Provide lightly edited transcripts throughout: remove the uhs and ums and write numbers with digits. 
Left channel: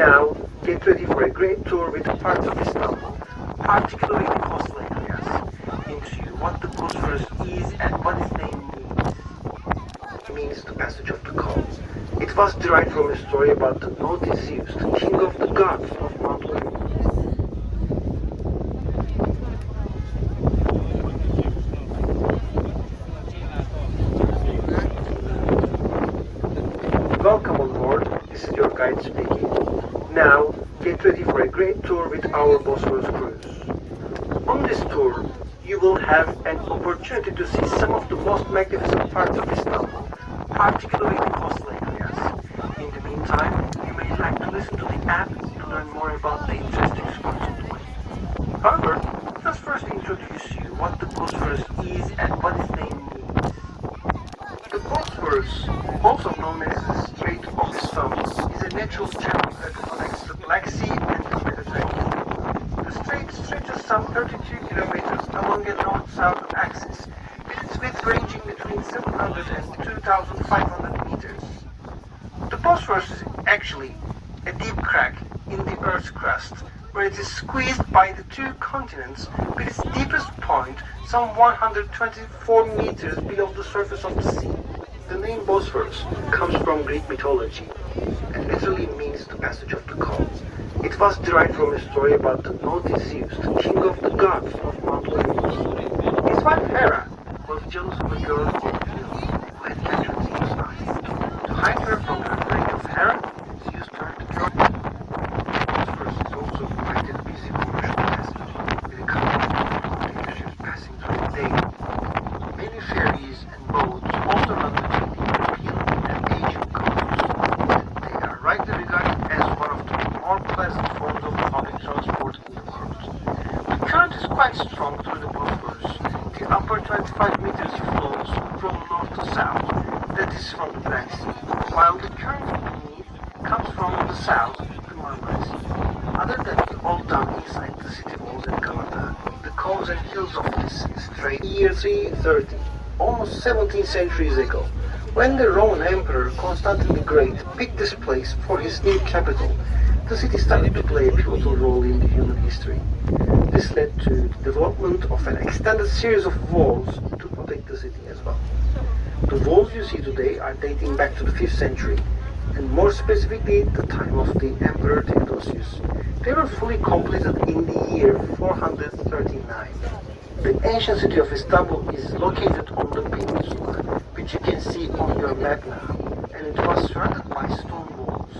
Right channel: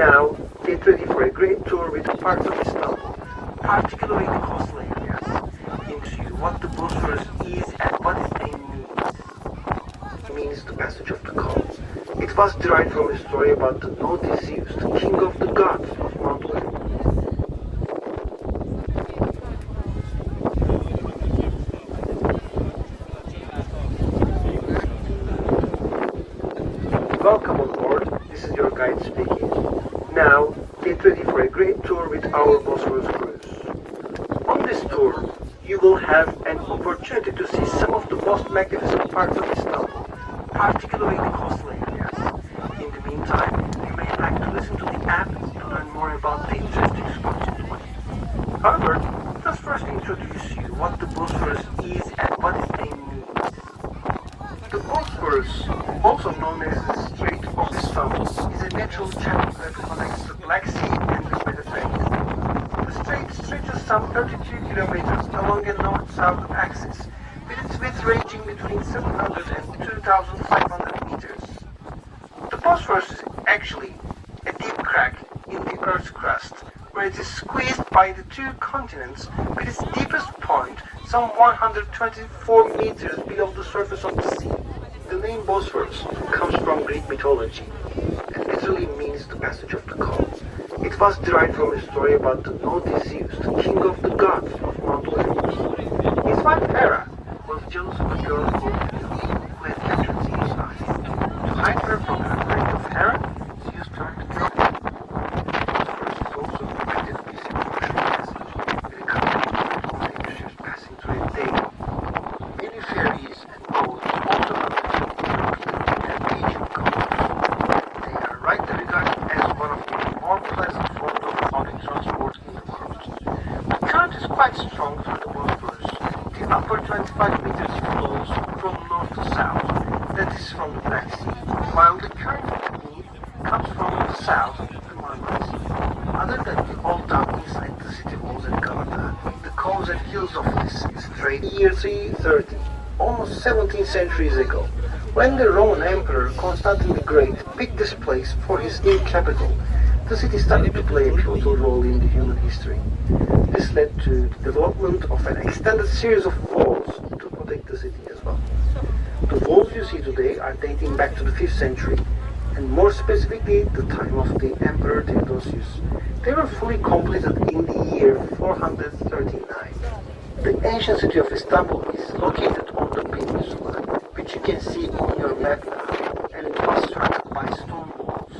Now, get ready for a great tour with parts of Istanbul, particularly the coastal areas. We'll show you what the Bosphorus is and what its name means. It means the passage of the Col. It was derived from a story about the naughty Zeus, the king of the gods of Mount Olympus. Welcome on board, this is your guide speaking. Now, get ready for a great tour with our Bosphorus cruise. On this tour, you will have an opportunity to see some of the most magnificent parts of Istanbul, particularly the coastal areas. In the meantime, you may like to listen to the app to learn more about the interesting structure. However, let's first introduce you what the Bosphorus is and what its name means. The Bosphorus, also known as the Strait of Istanbul, is a natural channel that connects the Black Sea and the Mediterranean. The strait stretches some 32 kilometers along a north-south axis, with its width ranging between 700 and 2,500 meters. The Bosphorus is actually a deep crack in the Earth's crust, where it is squeezed by the two continents, with its deepest point some 124 meters below the surface of the sea. The name Bosphorus comes from Greek mythology and literally means the passage of the Col. It was derived from a story about the naughty Zeus, the king of the gods of Mount Olympus. His wife Hera was jealous of a girl called who had captured Zeus' daughter. To hide her from the wrath of Hera, Zeus turned the girl. Bosphorus is also located a busy commercial passage with a couple of container ships passing through it daily. Many ferries and boats also connect European and Asian coasts. They are rightly regarded as one of the more pleasant forms of public transport in the world. The current is quite strong through the Bosphorus. The upper 25 meters flows from north to south, that is from the Black Sea, while the current beneath comes from the south, the Marmara Sea. Other than the old town inside the city walls and garden, the coves and hills of this strait, year 330, almost 17 centuries ago, when the Roman Emperor Constantine the Great picked this place for his new capital, the city started to play a pivotal role in human history. This led to the development of an extended series of walls to protect the city as well. The walls you see today are dating back to the 5th century, and more specifically the time of the Emperor Theodosius. They were fully completed in the year 439. The ancient city of Istanbul is located on the peninsula, which you can see in your map now, and it was surrounded by stone walls.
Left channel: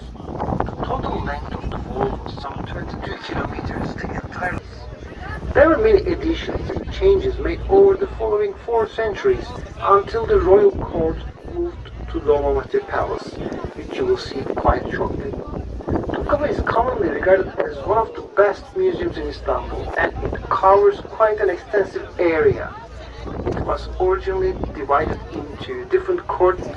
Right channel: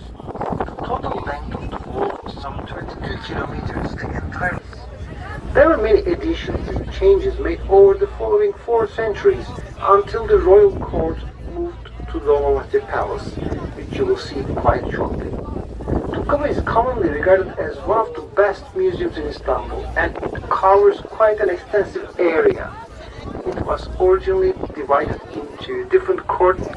The total length of the wall was some 22 kilometers, the entire. There were many additions and changes made over the following 4 centuries until the royal court moved to the Lombardy Palace, which you will see quite shortly. Topkapı is commonly regarded as one of the best museums in Istanbul, and it covers quite an extensive area. It was originally divided into different courts.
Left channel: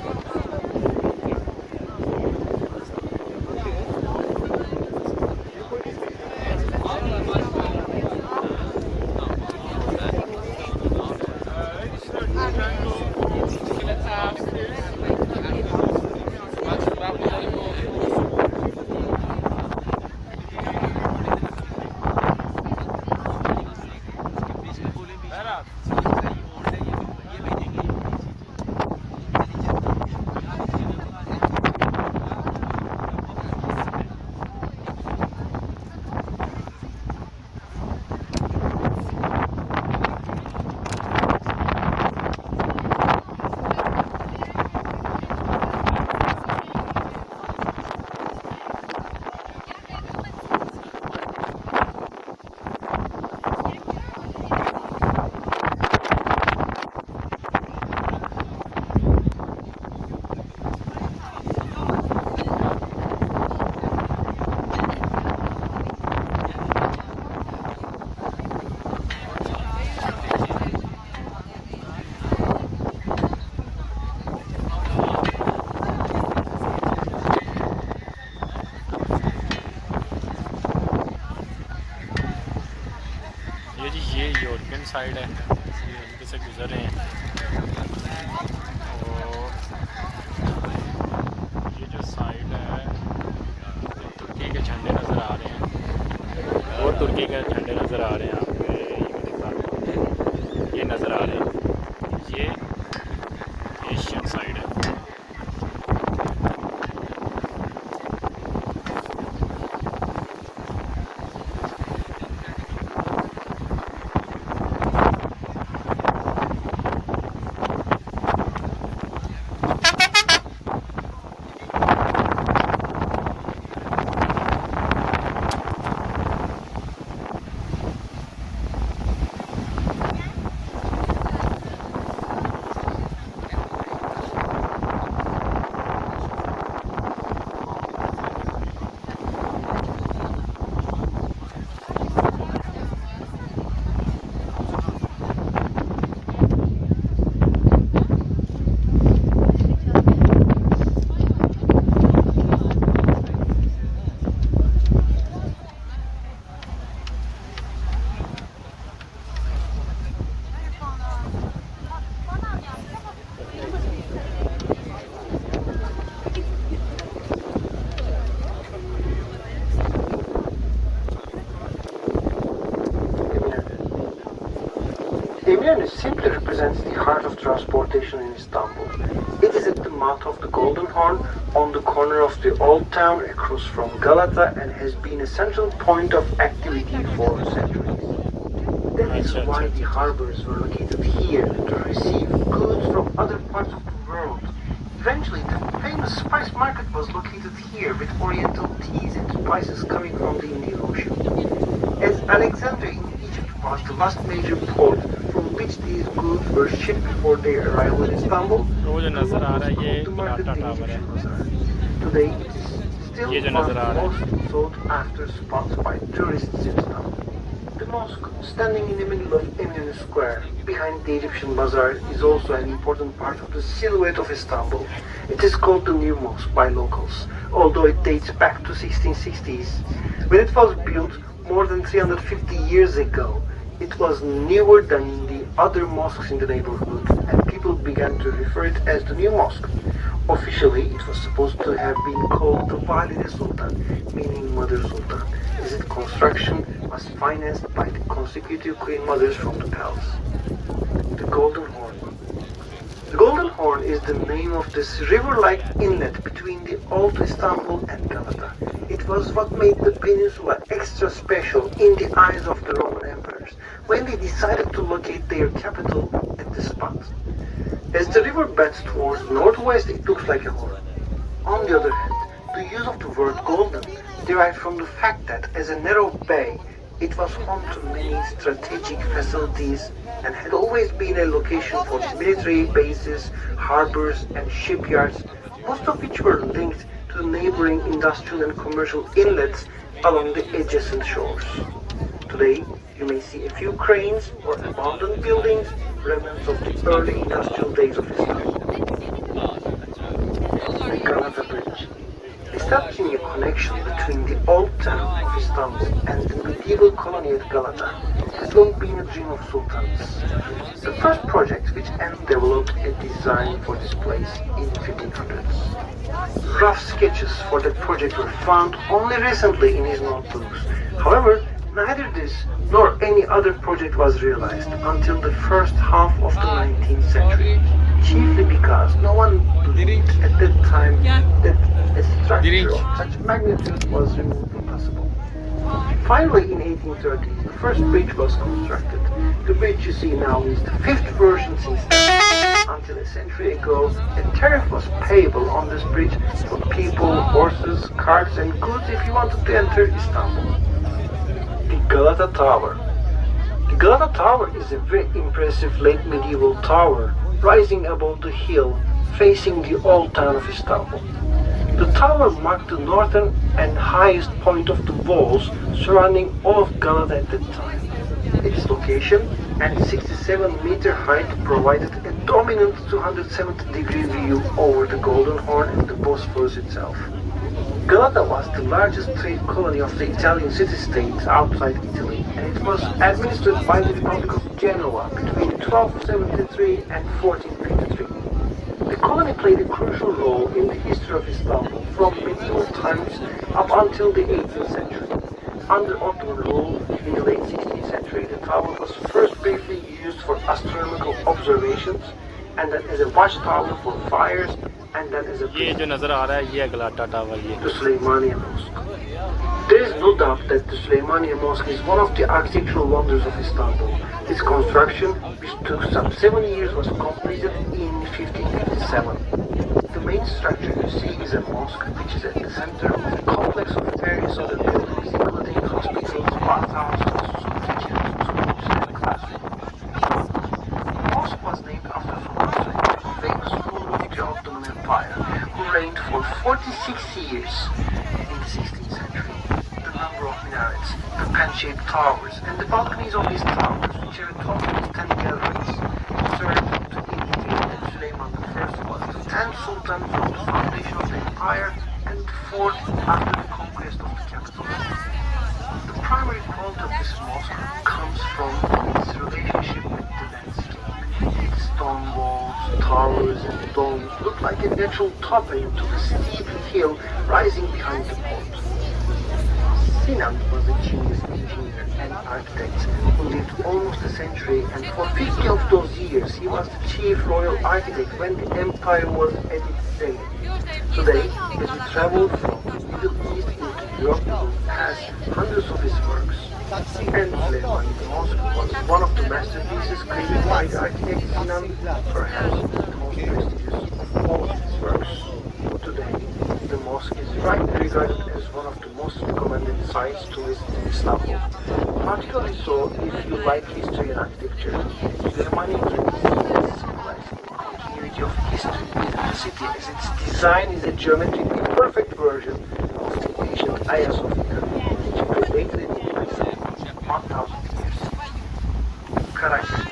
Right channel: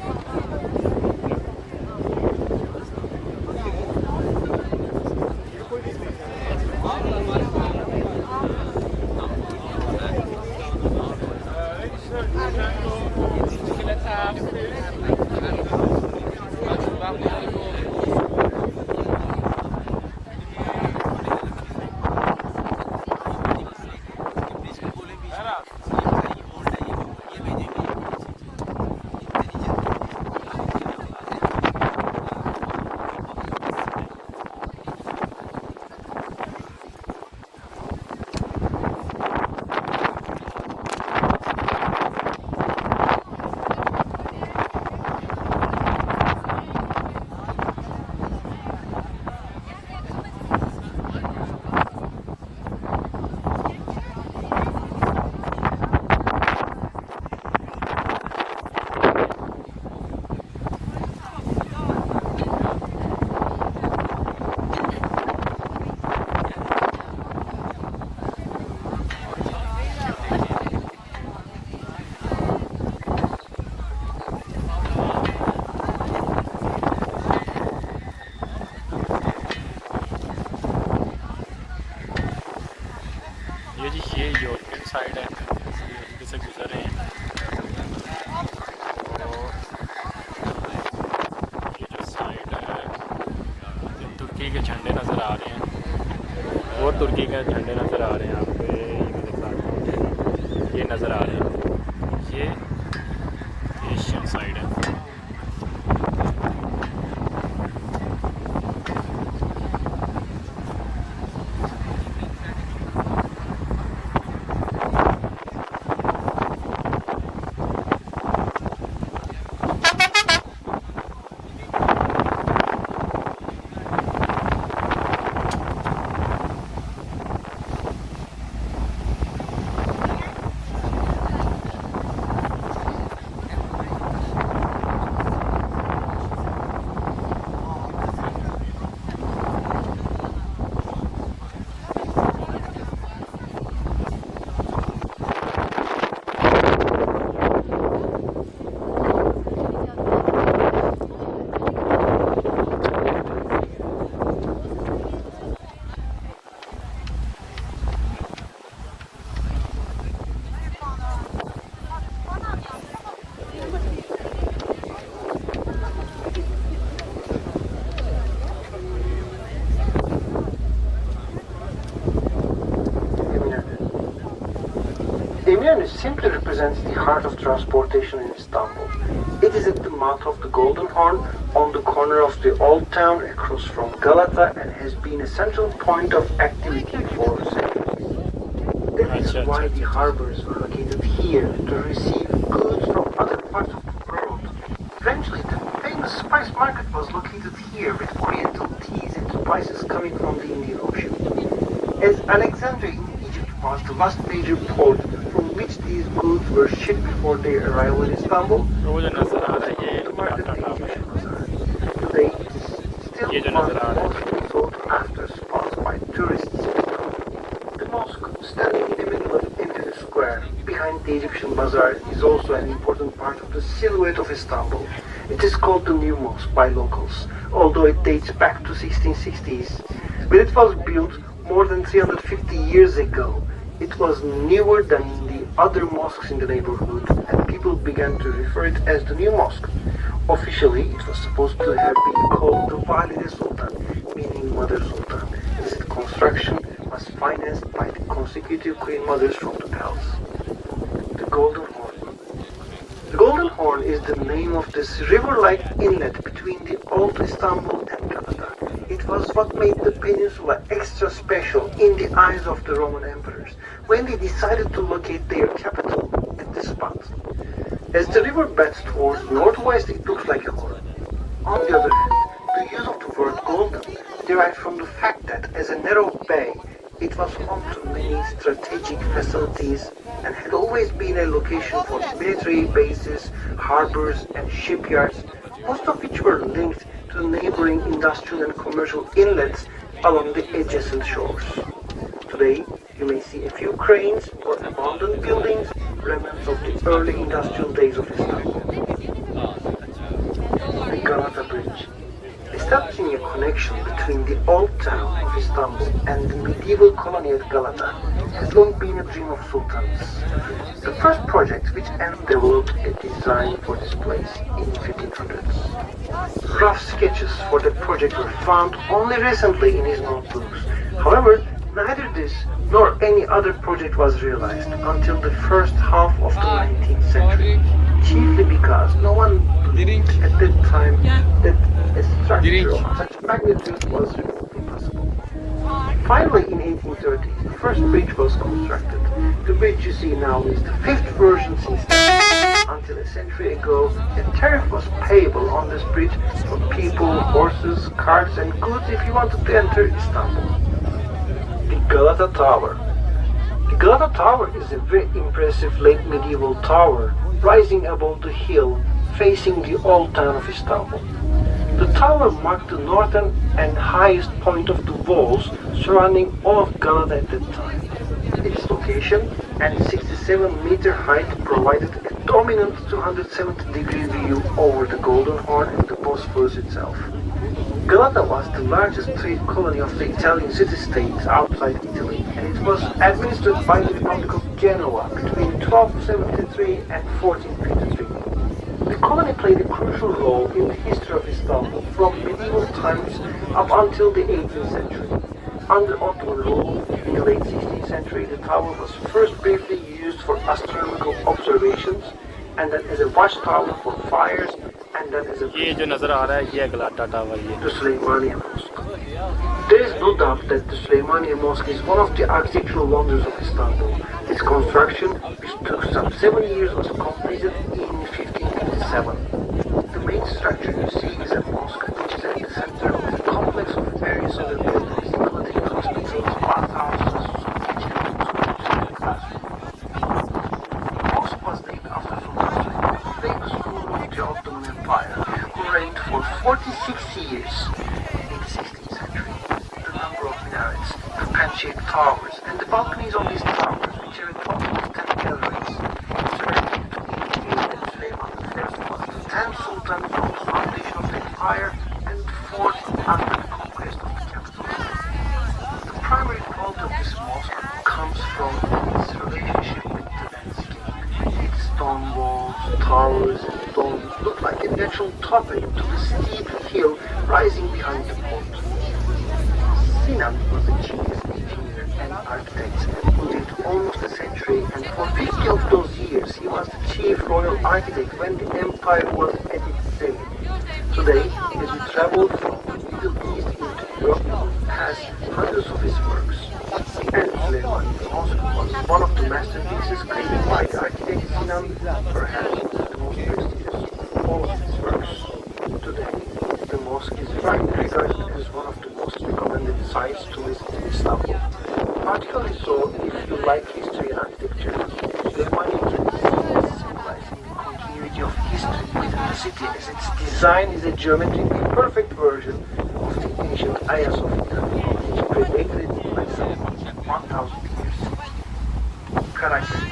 ये European side है, इसलिए यहीं पे से गुजर रहे हैं। और ये जो साइड है तुर्की के झंडे नज़र आ रहे हैं और तुर्की के झंडे नज़र आ रहे हैं आपको। ये दिखाता हूँ, ये नज़र आ रहे हैं, ये एशियन साइड है। Emirne simply represents the heart of transportation in Istanbul. It is at the mouth of the Golden Horn, on the corner of the Old Town across from Galata, and has been a central point of activity for centuries. That is why the harbors were located here to receive goods from other parts of the world. Eventually, the famous spice market was located here with oriental teas and spices coming from the Indian Ocean. As Alexandria in Egypt was the last major port from which these goods were shipped before their arrival in Istanbul, वो जो नज़र आ रहा है ये गाटा tower है। today it is still ये जो नज़र आ रहा है most sought after spots by tourists in Istanbul. The mosque, standing in the middle of Eminönü Square, behind the Egyptian bazaar, is also an important part of the silhouette of Istanbul. It is called the New Mosque by locals, although it dates back to 1660s. When it was built more than 350 years ago, it was newer than the other mosques in the neighborhood, and people began to refer it as the New Mosque. Officially, it was supposed to have been called the Valide Sultan, meaning Mother Sultan, as its construction was financed by the consecutive queen mothers from the palace. The Golden Horn. The Golden Horn is the name of this river-like inlet between the old Istanbul and Galata. It was what made the peninsula extra special in the eyes of the Roman emperors when they decided to locate their capital at this spot. As the river bends towards northwest, it looks like a horn. On the other hand, the use of the word golden derived from the fact that as a narrow bay, it was home to many strategic facilities and had always been a location for military bases, harbors, and shipyards, most of which were linked to neighboring industrial and commercial inlets along the adjacent shores. Today, you may see a few cranes or abandoned buildings, remnants of the early industrial days of Islam. The Galata Bridge. Establishing a connection between the old town of Istanbul and the medieval colony of Galata has long been a dream of sultans. The first project which developed a design for this place in the 1500s. Rough sketches for that project were found only recently in his notebooks. However, neither this nor any other project was realized until the first half of the 19th century, chiefly because no one believed at that time that a structure of such magnitude was remotely possible. Finally, in 1830s, the first bridge was constructed. The bridge you see now is the fifth version since then. Until a century ago, a tariff was payable on this bridge for people, horses, carts, and goods if you wanted to enter Istanbul. The Galata Tower. The Galata Tower is a very impressive late medieval tower rising above the hill facing the old town of Istanbul. The tower marked the northern and highest point of the walls surrounding all of Galata at that time. Its location and 67-meter height provided a dominant 270-degree view over the Golden Horn and the Bosphorus itself. Galata was the largest trade colony of the Italian city-state outside Italy, and it was administered by the Republic of Genoa between 1273 and 1453. The colony played a crucial role in the history of Istanbul from medieval times up until the 18th century. Under Ottoman rule in the late 16th century, the tower was first briefly used for astronomical observations, and then as a watchtower for fires, and then as a ये जो नज़र आ रहा है ये अगलाटा tower ये the Süleymaniye Mosque. There is no doubt that the Süleymaniye Mosque is one of the architectural wonders of Istanbul. Its construction, which took some 7 years, was completed in 1557. The main structure you see is a mosque, which is at the center of a complex of various other buildings, including hospitals, bathhouses, kitchens, schools, and classrooms. The mosque was named after Sultan Süleyman, a famous ruler of the Ottoman Empire, who reigned for 46 years in the 16th century. The number of minarets, the fan-shaped towers, and the balconies on these towers, which are a total of 10 galleries, serve to indicate that Süleyman I was the 10th Sultan for the foundation of the empire and the 4th after the conquest of the capital. The primary quality of this mosque comes from its relationship with the landscape. Its stone walls, towers, and domes look like a natural topping to the steep hill rising behind the port. Sinan was a genius engineer and architect who lived almost a century, and for 50 of those years he was the chief royal architect when the empire was at its zenith. Today, as we travel from the Middle East into Europe, we pass hundreds of his works. And Süleyman Mosque was one of the masterpieces created by the architect Sinan, perhaps the most prestigious of all his works. Today, the mosque is rightly regarded as one of the most recommended sites to visit in Istanbul. Particularly so if you like history and architecture. The monument is symbolizing the continuity of history within the city, as its design is a geometrically perfect version of the ancient Hagia Sophia, which predated by some 1,000 years. Karaköy.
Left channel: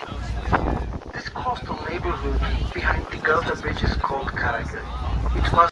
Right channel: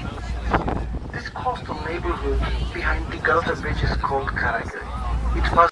This coastal neighborhood behind the Galata Bridge is called Karaköy. It was